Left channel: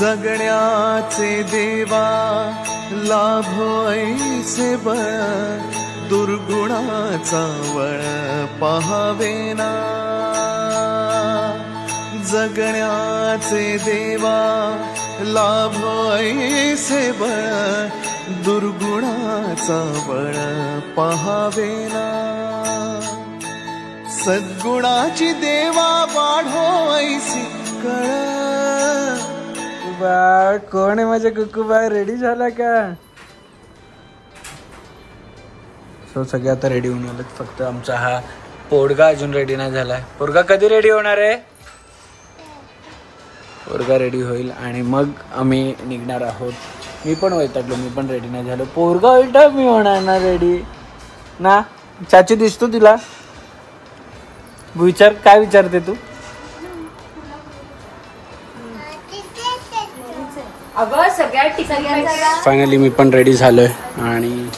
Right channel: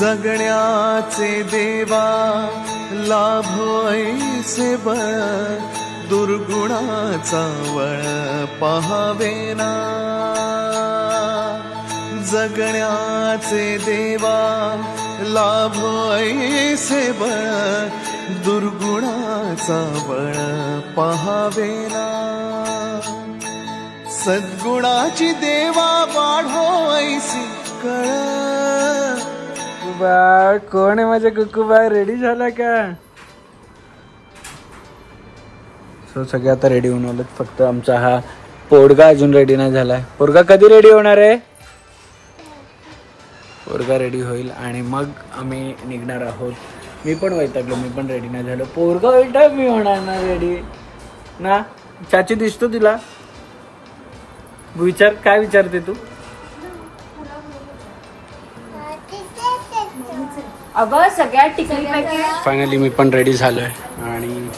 जगण्याचे देवा लाभो ऐसे बळ दुर्गुणाचा वळ पहावेना जगण्याचे देवा लाभो ऐसे बळ दुर्गुणाचा बळ पहावेना सद्गुणाची देवा वाढो ऐसी कळ बा कोण आहे माझा कुकुबा रेडी झाला का सो सगळे आता रेडी होऊन आलेत फक्त आमचा हा पोरगा अजून रेडी नाही झाला पोरगा कधी रेडी होणार आहे पोरगा रेडी होईल आणि मग आम्ही निघणार आहोत मी पण वैतागलो मी पण रेडी नाही झालो पोरगा होईल मी होणार ना रेडी ना चाची दिसतो तुला विचार काय विचारते तू अगं सगळ्या ठिकाणी फायनली मी पण रेडी झालोय आणि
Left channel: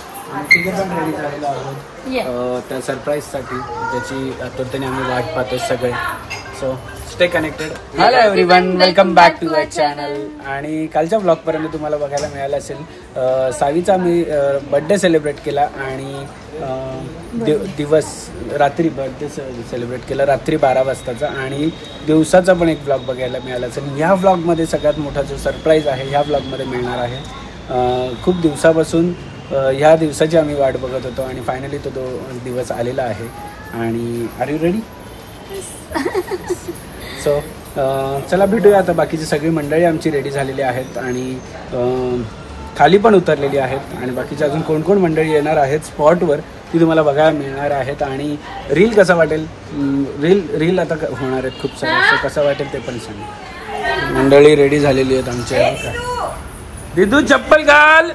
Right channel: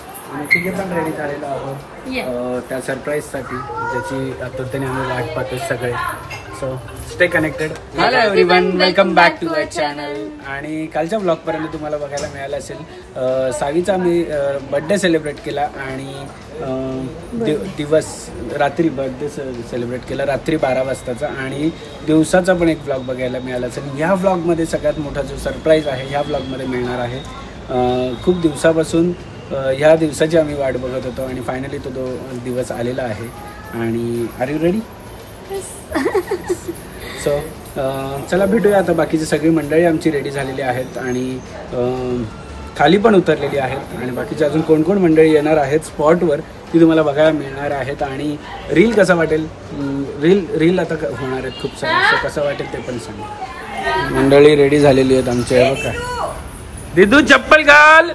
तिघे पण रेडी झालेलो आहोत त्या सरप्राईजसाठी ज्याची आतुरतेने आम्ही वाट पाहतो सगळे so stay connected hello everyone welcome back to the channel आणि कालच्या ब्लॉग पर्यंत तुम्हाला बघायला मिळालं असेल सावीचा आम्ही बर्थडे सेलिब्रेट केला आणि दिवस रात्री बर्थडे सेलिब्रेट केला रात्री 12 वाजताचा आणि दिवसाचा पण एक ब्लॉग बघायला मिळाला असेल ह्या ब्लॉगमध्ये सगळ्यात मोठा जो सरप्राईज आहे ह्या ब्लॉगमध्ये मिळणार आहे खूप दिवसापासून ह्या दिवसाची आम्ही वाट बघत होतो आणि फायनली तो दिवस आलेला आहे आणि आर यू रेडी सो चला भेटूया आता बाकीची सगळी मंडळी आमची रेडी झालेली आहेत आणि खाली पण उतरलेली आहेत आणि बाकीचे अजून कोण कोण मंडळी येणार आहेत स्पॉटवर ती तुम्हाला बघायला मिळणार आहेत आणि रील कसा वाटेल रील आता होणार आहेत खूप सारे सो कसं वाटेल ते पण सांगा मंडळी रेडी झालेली आहेत आमचे बघा दिदू चप्पल घाल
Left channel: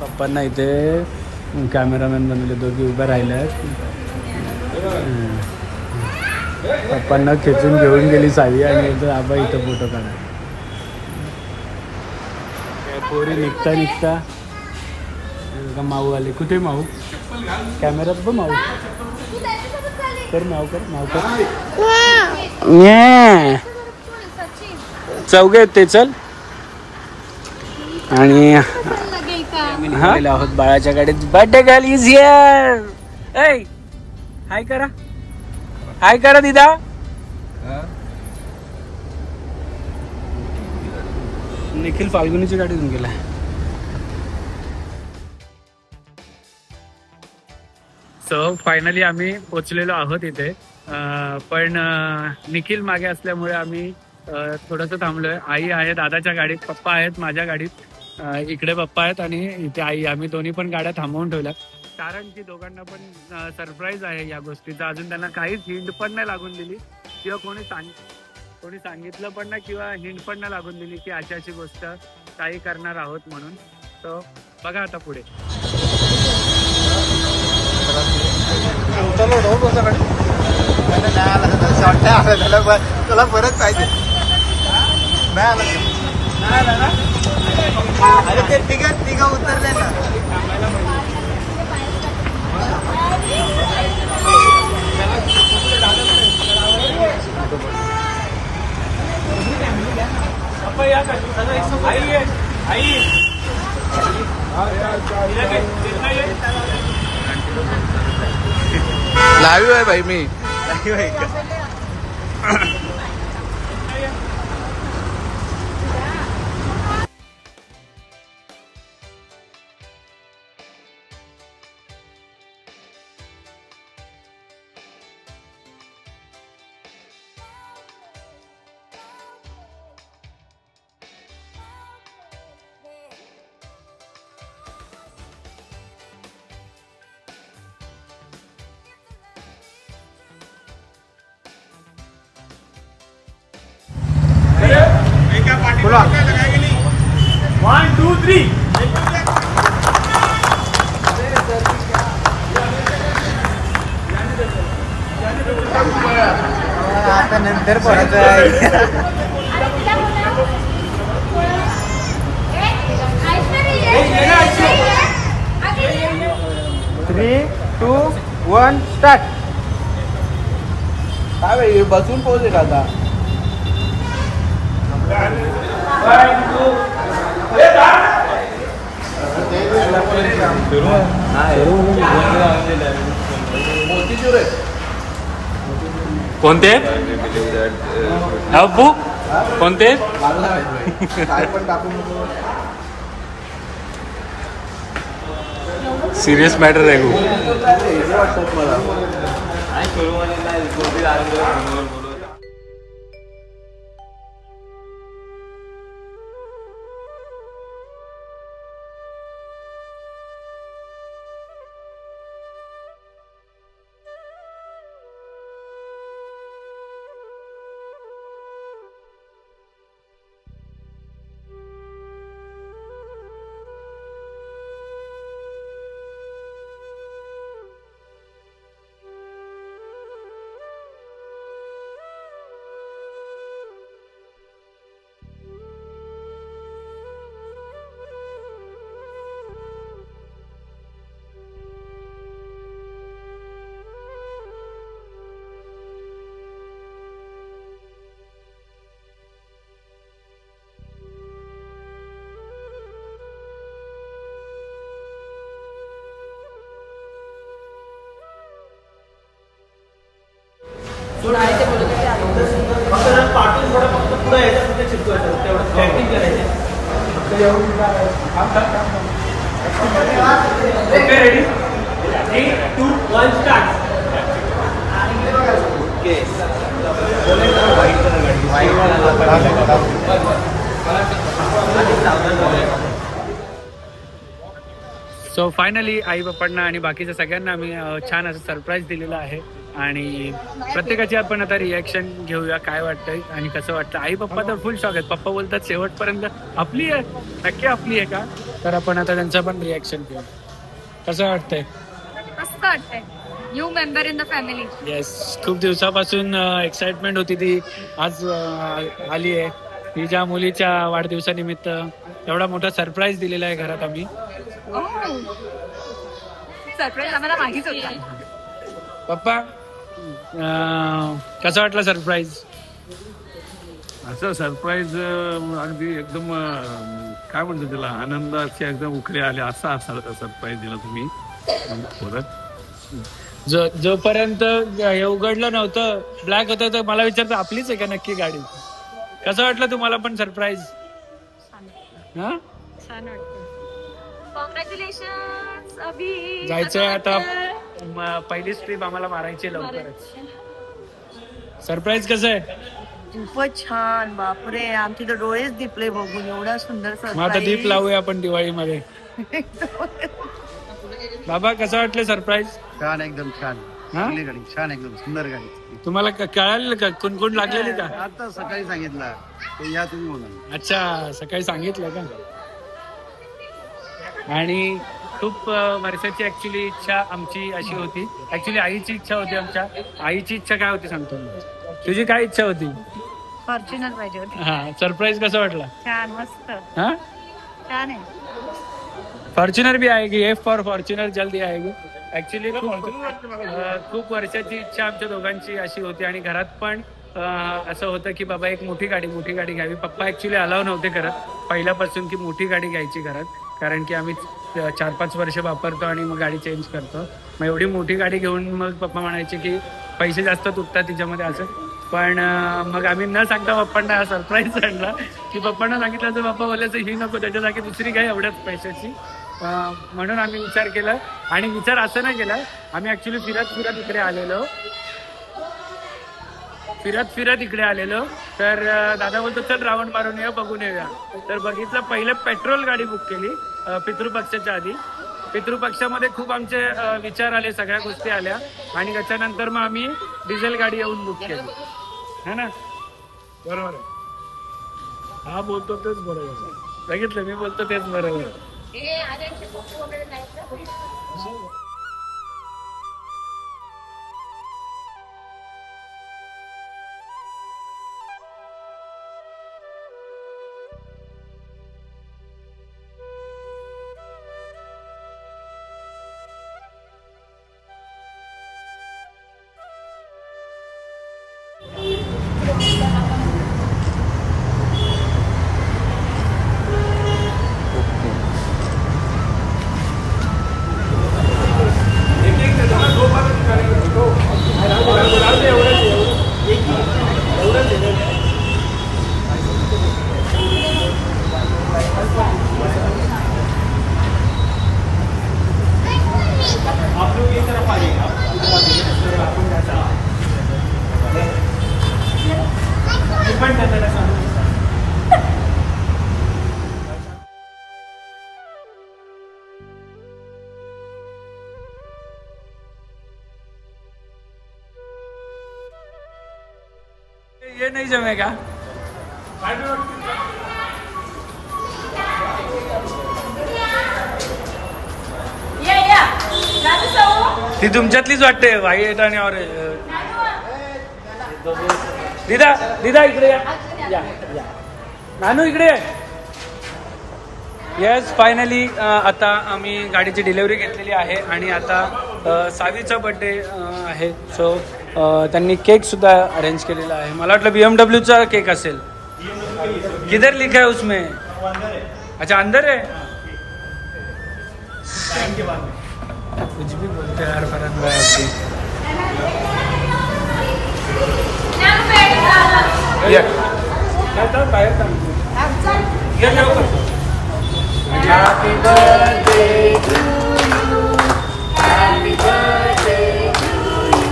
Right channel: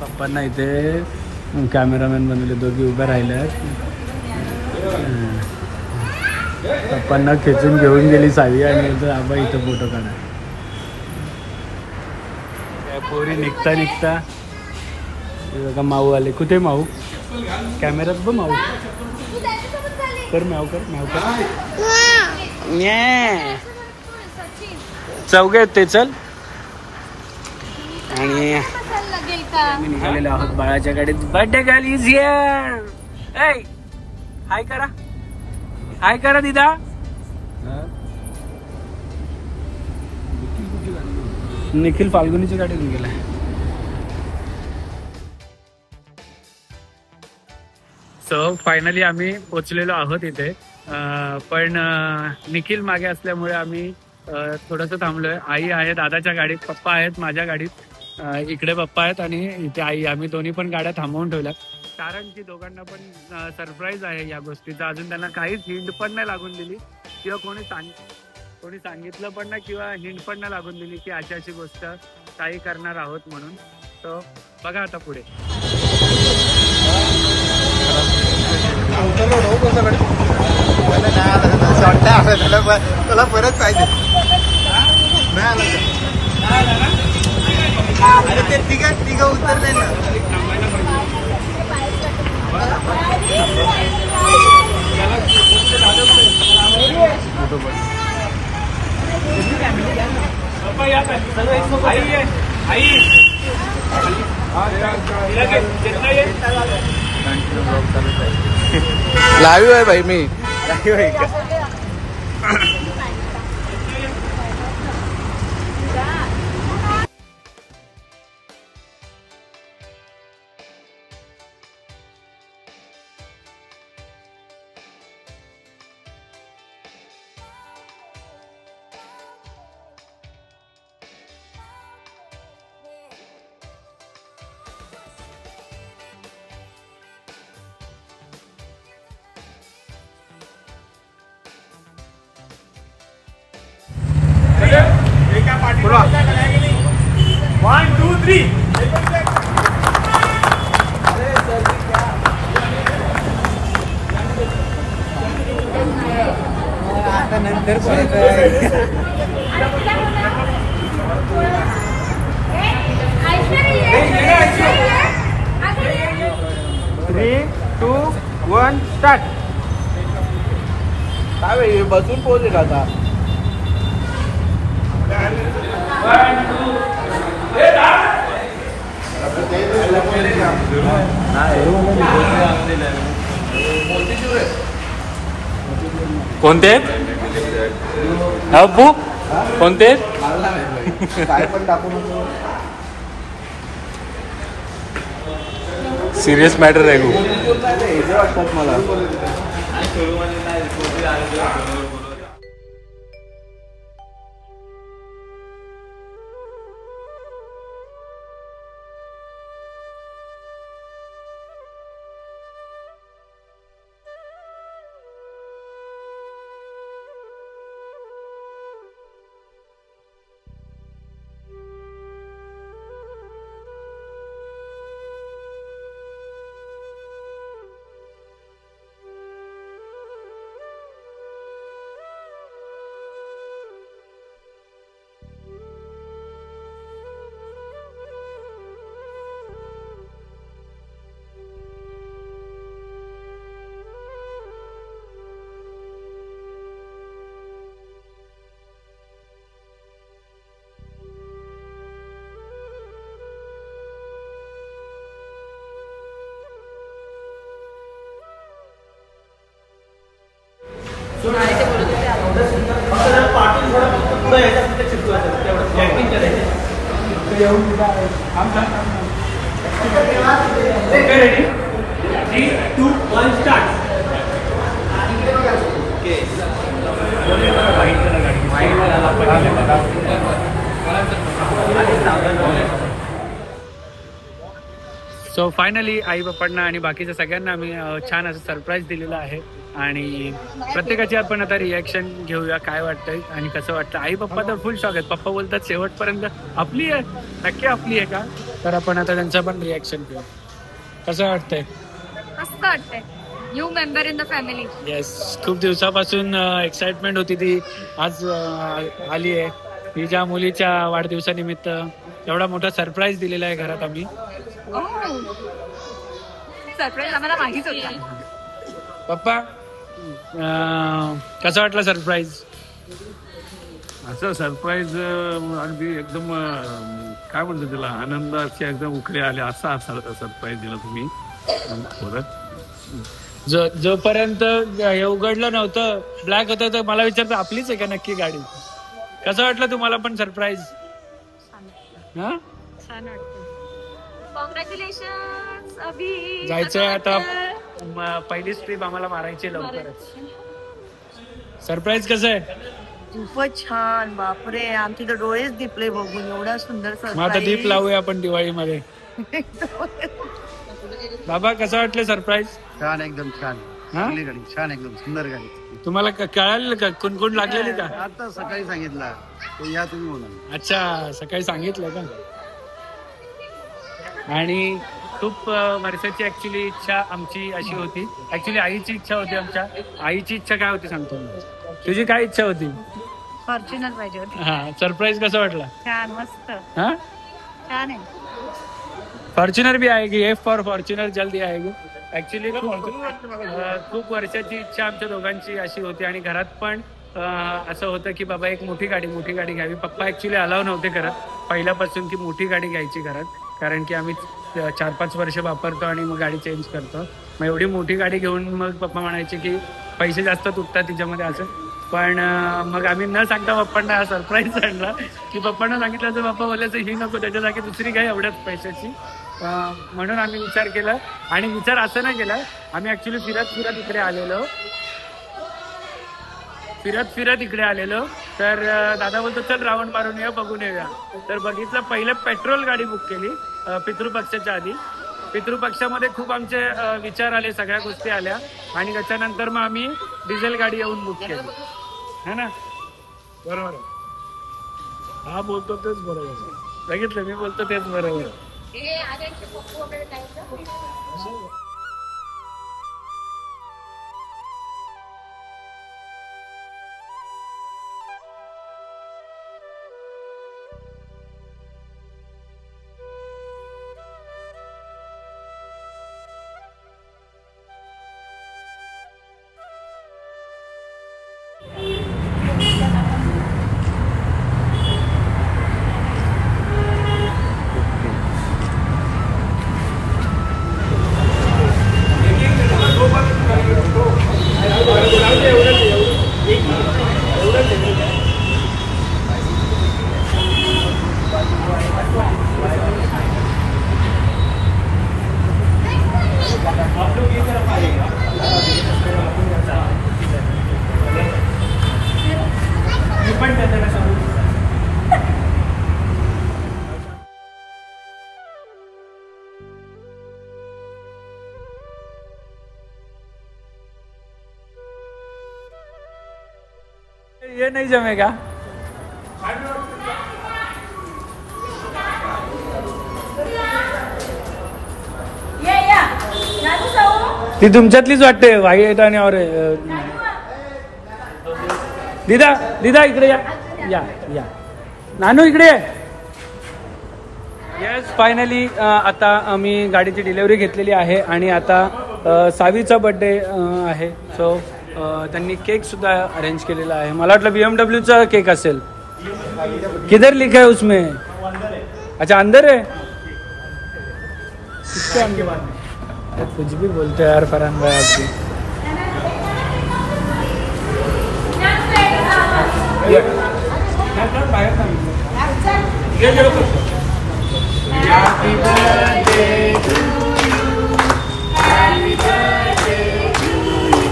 पप्पांना इथे कॅमेरामॅन बनवले दोघी उभे राहिल्यात पप्पांना खेचून घेऊन गेली सावी आणि आबा इथं फोटो काढा पोरी निघता निघता बघा माऊ आले कुठे माऊ कॅमेरात बघ माऊ कर माऊ कर चौघे आहेत ते चल आणि आम्ही निघालेलो आहोत बाळाच्या गाडीत birthday girl is here a hi करा दिदा निखिल फाल्गुनीची गाडी घेऊन गेला सो फायनली आम्ही पोचलेलो आहोत इथे पण निखिल मागे असल्यामुळे आम्ही थोडंसं थांबलोय आई आहे दादाच्या गाडीत पप्पा आहेत माझ्या गाडीत इकडे पप्पा आहेत आणि इथे आई आम्ही दोन्ही पण गाड्या थांबवून ठेवल्या कारण की दोघांना पण सरप्राईज आहे या गोष्टीचा अजून त्यांना काहीच हिंट पण नाही लागून दिली किंवा कोणी सांगितलं पण नाही किंवा हिंट पण नाही लागून दिली की अशी गोष्ट काही करणार आहोत म्हणून तर बघा आता पुढे परत पाहिजे अरे ते तिघ उत्तर नाही ना थांबायला लाईव्ह आहे भाई मी बोला 1 2 3 नंतर परत 3, 2, 1 स्टार्ट. काय भाई बसून पोहोचेल आता. कोणते आहेत अप्पू कोणते आहेत सिरियस मॅटर आहे खूप. सो फायनली आई बाप्पांना आणि बाकीच्या सगळ्यांना आम्ही छान असं सरप्राईज दिलेलं आहे आणि प्रत्येकाची आपण आता रिॲक्शन घेऊया काय वाटतंय आणि कसं वाटतं. आई पप्पा तर फुल शॉक आहेत. पप्पा बोलतात शेवटपर्यंत आपली आहे, नक्की आपली आहे का. तर आपण आता त्यांचं पण रिॲक्शन घेऊ. कसं वाटतंय. मस्त वाटतंय. New member in the family. Yes, खूप दिवसापासून एक्साइटमेंट होती ती आज आली आहे. तिच्या मुलीच्या वाढदिवसानिमित्त एवढा मोठा सरप्राईज दिलेला आहे घरात आम्ही. सरप्राईज आम्हाला माहितीच होता. पप्पा कसा वाटला सरप्राईज. असं सरप्राईज अगदी एकदम काय म्हणतो त्याला आनंदाचे एकदम उखळे आले असा असा सरप्राईज दिला तुम्ही परत. जोपर्यंत हे उघडलं नव्हतं ब्लॅक होतं तर मला विचारतं आपलीच आहे का नक्की गाडी. कसं वाटलं तुम्हाला पण सरप्राईज. हा छान वाटतं. कॉंग्रॅच्युलेशन अभि. जायचंय आता पहिलीच ट्रिप आम्हाला मारायची लवकरच. सरप्राईज कसं आहे. खूपच छान. बापरे आमचे तर डोळेच दिपले बघून एवढा सुंदर. मग आता दीप लावूया आपण दिवाळीमध्ये. बाबा कसं वाटलं सरप्राईज. छान एकदम छान. चांगली गाडी छान एकदम सुंदर गाडी. तुम्हाला कळालं का कोण कोण लागलेली का. आता सकाळी सांगितलं या तुम्ही म्हणून. अच्छा सकाळी सांगितलं का. आणि खूप वर्षाची ऍक्च्युली इच्छा आमची अशी होती. ऍक्च्युली आईची इच्छा होती. आमच्या आईची इच्छा काय होती सांगतो मी. तुझी काय इच्छा होती. फॉर्च्युनर पाहिजे होती. हा सरप्राईज कसा वाटला. छान मस्त. हाँ छान आहे. फॉर्च्युनर भी आएगी. एफ फॉर फॉर्च्युनर जल्दी आएगी. ऍक्च्युली खूप वर्षाची इच्छा आमच्या दोघांची अशी होती आणि घरात पण असं होतं की बाबा एक मोठी गाडी घ्यावी. पप्पा ऍक्च्युली अलाव नव्हते करत पहिल्यापासून की मोठी गाडी घ्यायची घरात. कारण की आम्ही 4-5 वर्ष वापरतो आणि मग गाडी चेंज करतो. मग एवढी मोठी गाडी घेऊन मग पप्पा म्हणायचे की पैसे जास्त तुटतात तिच्यामध्ये असं. पण मग आम्ही न सांगता पप्पांना हा सरप्राईज आणला की पप्पांना सांगितलं तर पप्पा बोलायचं ही नको त्याच्या जागी दुसरी काय एवढ्याच पैशाची. म्हणून आम्ही विचार केला आणि विचार असं नाही केला. आम्ही ऍक्च्युली फिरत इकडे आलेलो तर दादा बोलतो चल राऊंड मारून येऊया बघून येऊया. तर बघितलं पहिलं पेट्रोल गाडी बुक केली पितृपक्षाच्या आधी. पितृपक्षामध्ये खूप आमचे विचार आले सगळ्या गोष्टी आल्या आणि त्याच्यानंतर मग आम्ही डिझेल गाडी येऊन बुक केली है ना. बरोबर आहे. हा बोलतो तेच बरोबर. बघितलं मी बोलतो तेच बरोबर. ये नहीं जमेगा. ती तुमच्यातलीच वाटते व्हाईट आणि और दिदा दिदा इकडे या. नानू इकडे. यस फायनली आता आम्ही गाडीची डिलिव्हरी घेतलेली आहे आणि आता सावीचा बर्थडे आहे. सो त्यांनी केक सुद्धा अरेंज केलेला आहे. मला वाटलं BMW केक असेल. किधर लिखा है उसमें? अच्छा अंदर है. कुछ भी बोलते यार फरहान भाई आपकी. Happy birthday to you. Happy birthday to you.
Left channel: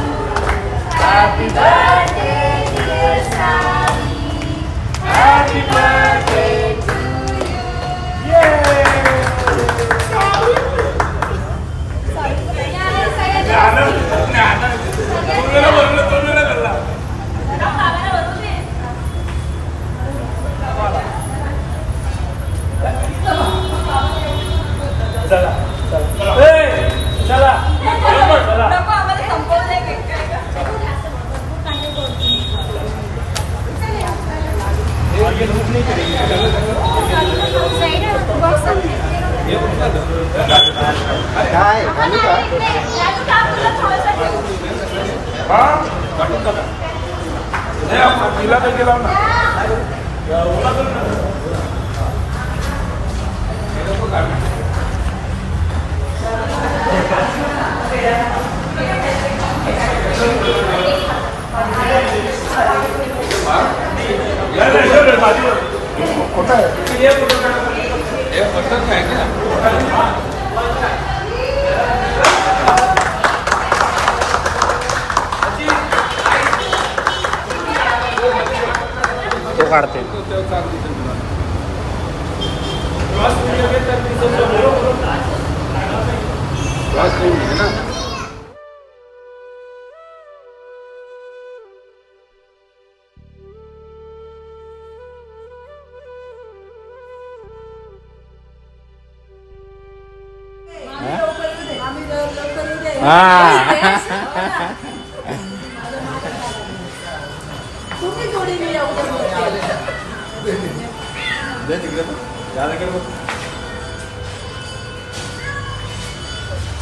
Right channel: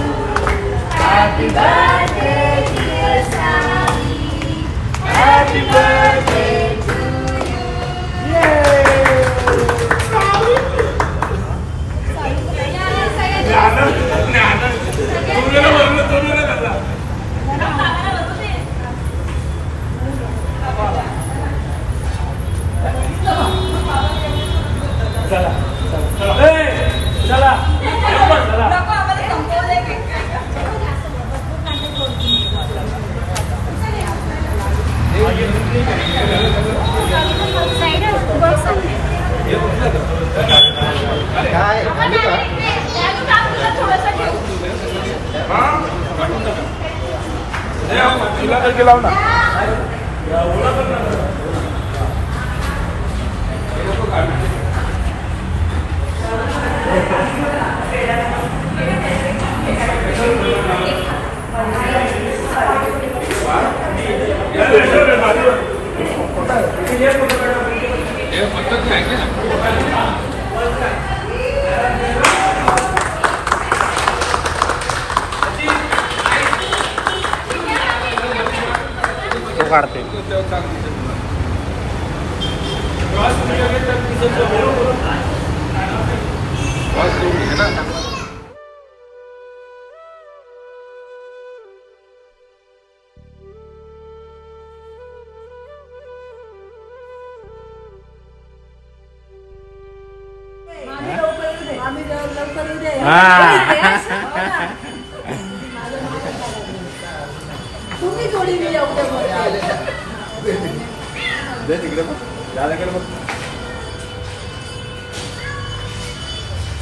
Happy birthday dear Sami. Happy birthday to you. Yay! चला चला तुला करके लाव ना. तो काढते.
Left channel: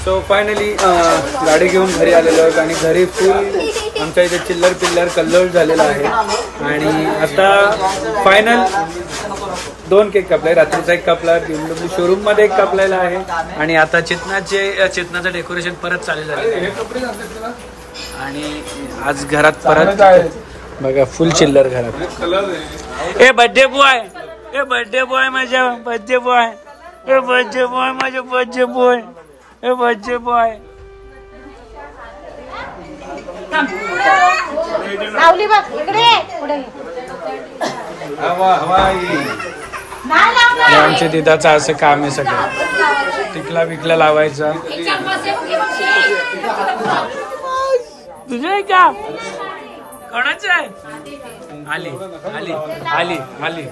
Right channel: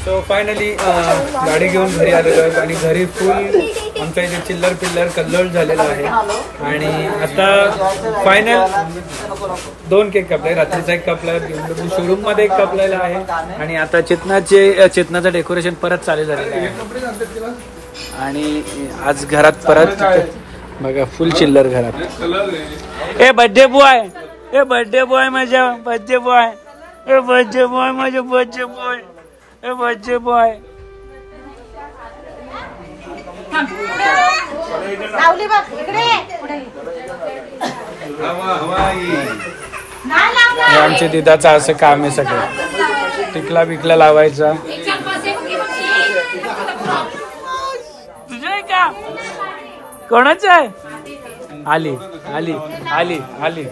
सो फायनली गाडी घेऊन घरी आलेलो आहेत आणि घरी फुल आमच्या इथे चिल्लर पिल्लर कल्लोळ झालेला आहे. आणि आता फायनल 2 केक कापलाय. रात्रीचा एक कापलाय, BMW शोरूम मध्ये एक कापलेला आहे आणि आता चेतनाचं डेकोरेशन परत चालू आहे. आणि आज घरात परत बघा फुल चिल्लर घरात. ए बर्थडे बॉय, ए बर्थडे बॉय माझा बर्थडे बॉय, ए बर्थडे बॉय माझा बर्थडे बॉय, ए बर्थडे बॉय. हे आमच्या दिदाचं असं काम आहे सगळं. टिकला बिकला लावायचा. तुझं आहे का? कोणाचं आहे? आली आली आली आली.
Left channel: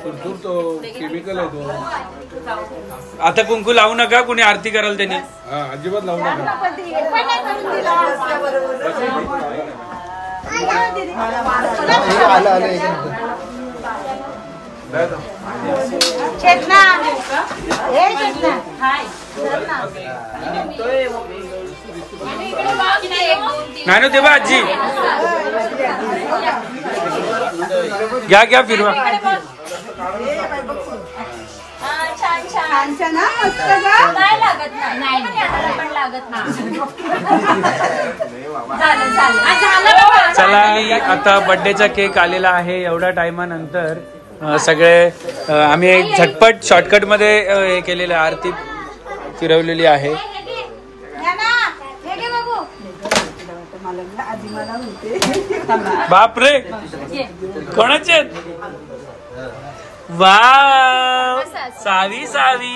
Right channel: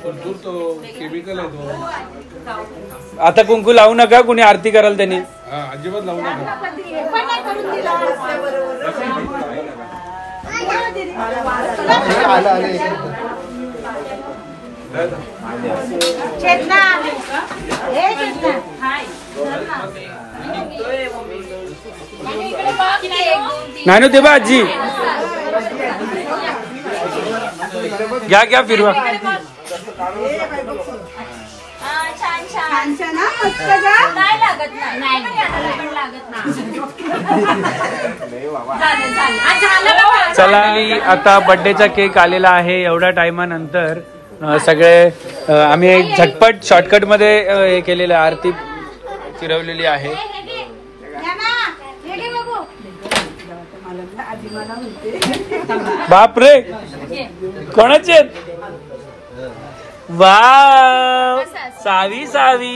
आता कुंकू लावू नका, कुणी आरती कराल त्याने. अजिबात लावू नका. नानू ते बा आजी घ्या घ्या फिरवा. चला आता बर्थडेचा केक आलेला आहे. एवढ्या टाइमानंतर सगळे आम्ही एक झटपट शॉर्टकट मध्ये हे केलेलं आरती फिरवलेली आहे. बापरे कोणाचे? वाव सावी सावी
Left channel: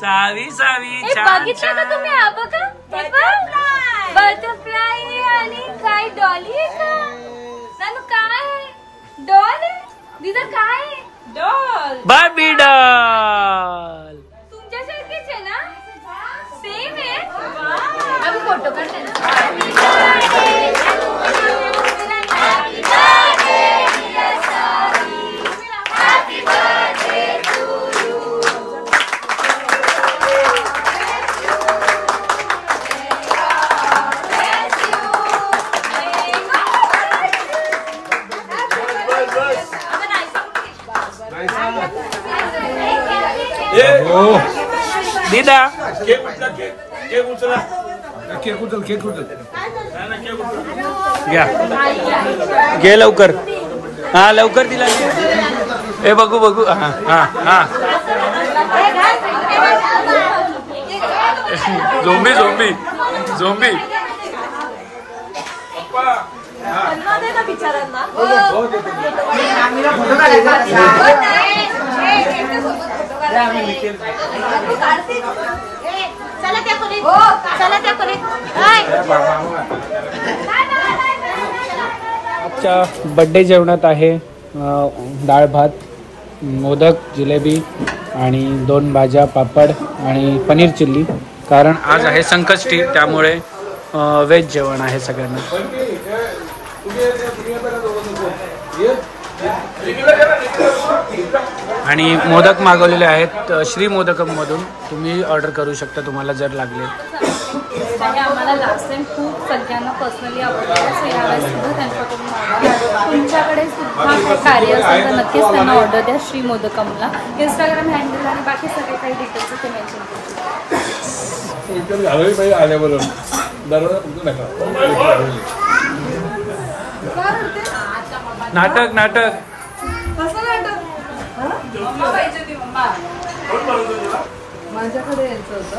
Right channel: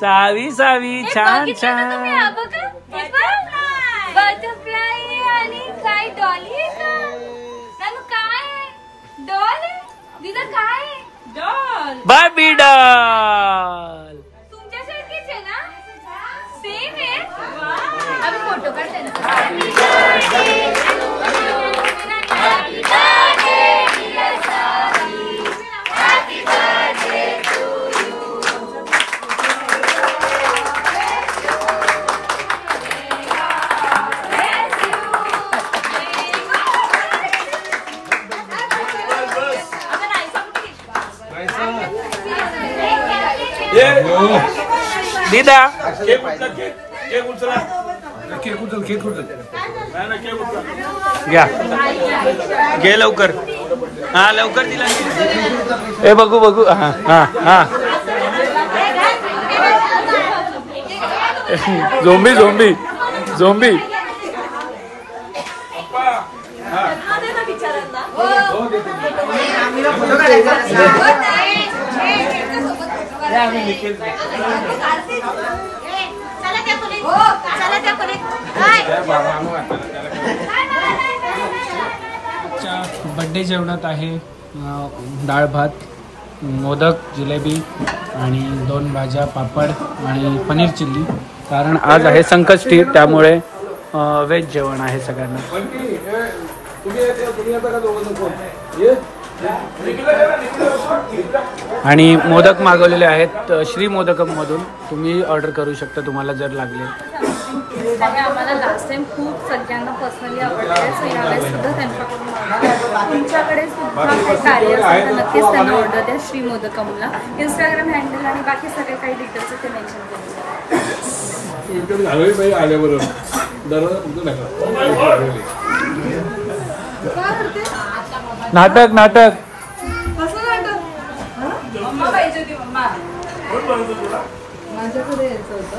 सावी सावी छान छान. डॉल दिदा काय डॉल बाबी डॉल. तुमच्यासारखीच आहे ना सेम आहे आम्ही फोटो काढते दीदा घ्या घे लवकर. हा लवकर दिला. ए बघू बघू. हा हा हा झोंबी झोंबी झोंबी. बड्डे जेवणात आहे डाळ भात, मोदक, जिलेबी आणि 2 भाज्या, पापड आणि पनीर चिल्ली. कारण आज आहे संकष्टी त्यामुळे व्हेज जेवण आहे सगळ्यांना. आणि मोदक मागवलेले आहेत श्री मोदकम मधून. तुम्ही ऑर्डर करू शकता तुम्हाला जर लागले. आम्हाला लास्ट टाइम खूप सगळ्यांना पर्सनली आवडते सो यावेळेस सुद्धा त्यांच्याकडून मागवा. तुमच्याकडे सुद्धा खूप कार्य असेल तर नक्कीच त्यांना ऑर्डर द्या श्री मोदकमला. इंस्टाग्राम हँडल आणि बाकी सगळे काही डिटेल्स ते मेन्शन नाटक नाटक माझ्याकडे यायचं होतं.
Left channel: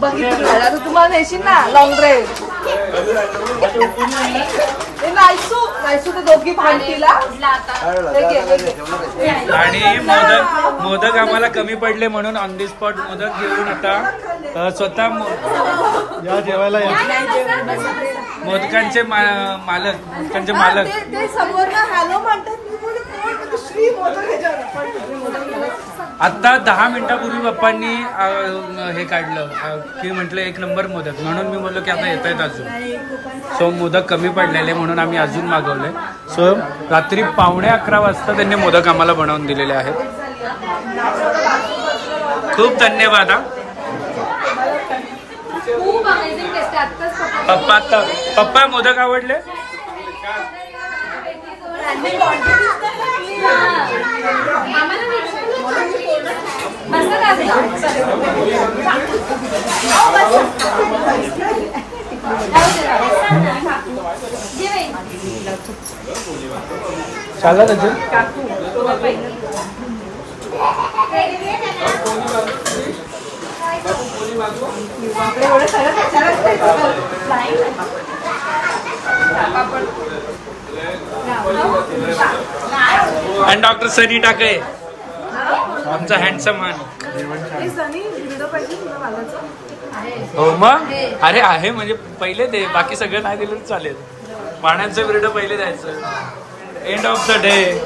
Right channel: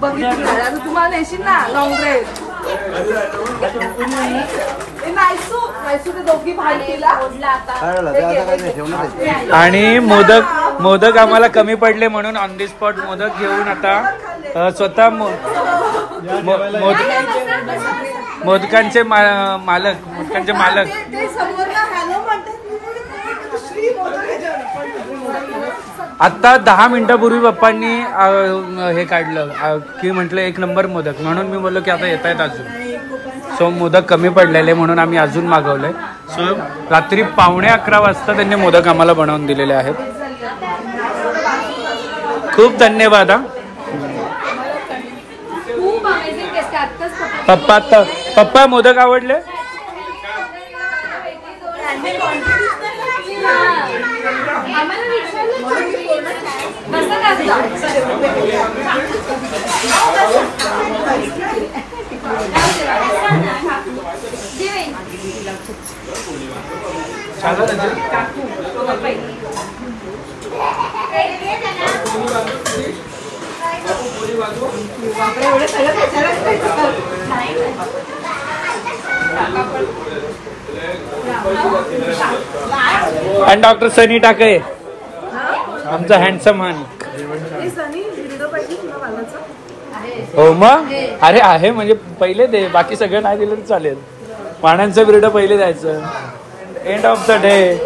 बघितलं तुम्हाला येशील ना लॉंग ड्राईव्ह. दोघी भांडतीला. आणि मोदक आम्हाला कमी पडले म्हणून ऑन दी स्पॉट मोदक घेऊन आता स्वतः मोदकांचे मालक आता 10 मिनिटापूर्वी पप्पांनी हे काढलं की म्हटलं 1 नंबर मोदक. म्हणून मी बोललो की आता येत आहेत अजून. सो मोदक कमी पडलेले म्हणून आम्ही अजून मागवले. सो रात्री 11:15 वाजता त्यांनी मोदक आम्हाला बनवून दिलेले आहेत. खूप धन्यवाद. पप्पा मोदक आवडले. चालत आणि डॉक्टर सनी टाके आमचा हँडसम मॅन. हो मग अरे आहे म्हणजे पहिले दे, बाकी सगळं नाही दिलं तर चालेल. पाण्याचं बिरडं पहिले द्यायचं. End of the day.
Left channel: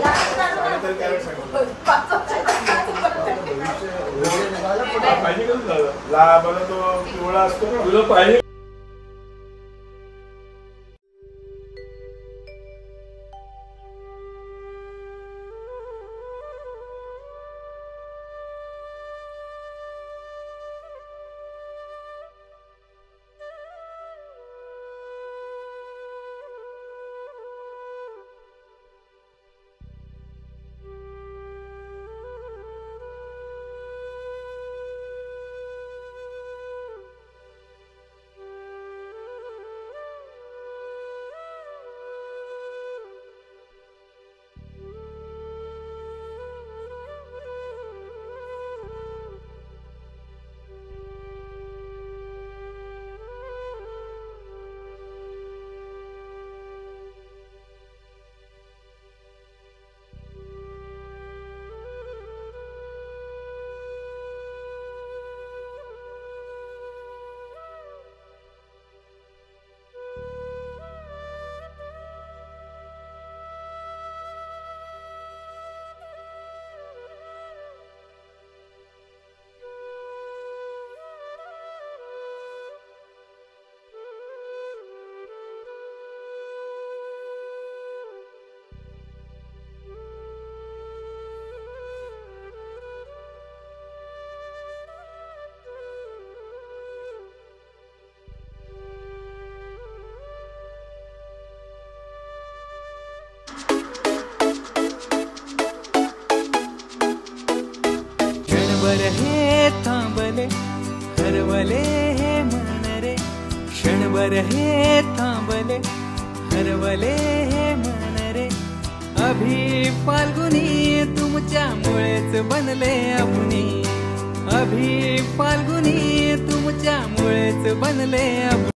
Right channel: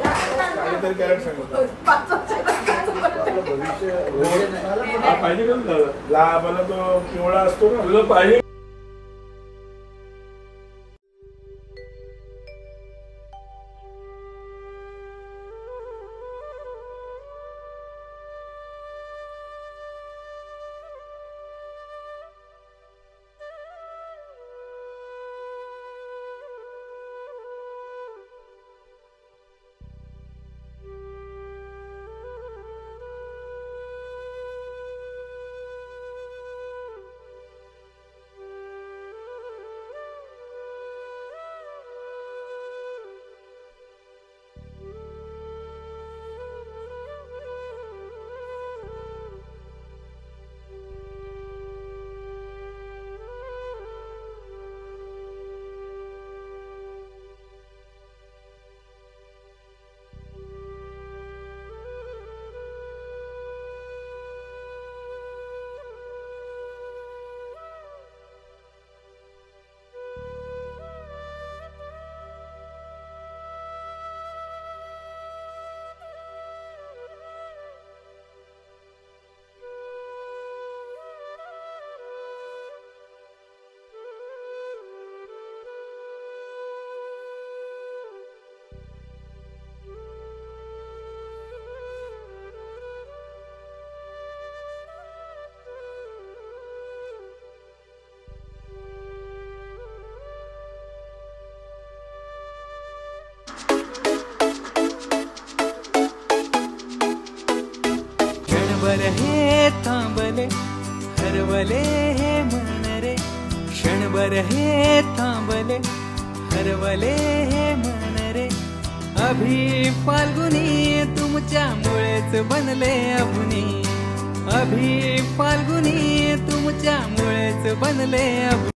क्षणभर हे थांबले हरवले हे मन रे क्षणभर हे थांबले हरवले हे मन रे अभि फाल्गुनी तुमच्यामुळेच बनले अभुनी अभि फाल्गुनी तुमच्यामुळेच बनले अभुनी